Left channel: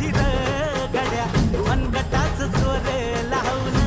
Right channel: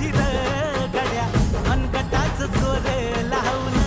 दिर गड्या. मनगटाच चोरे लावून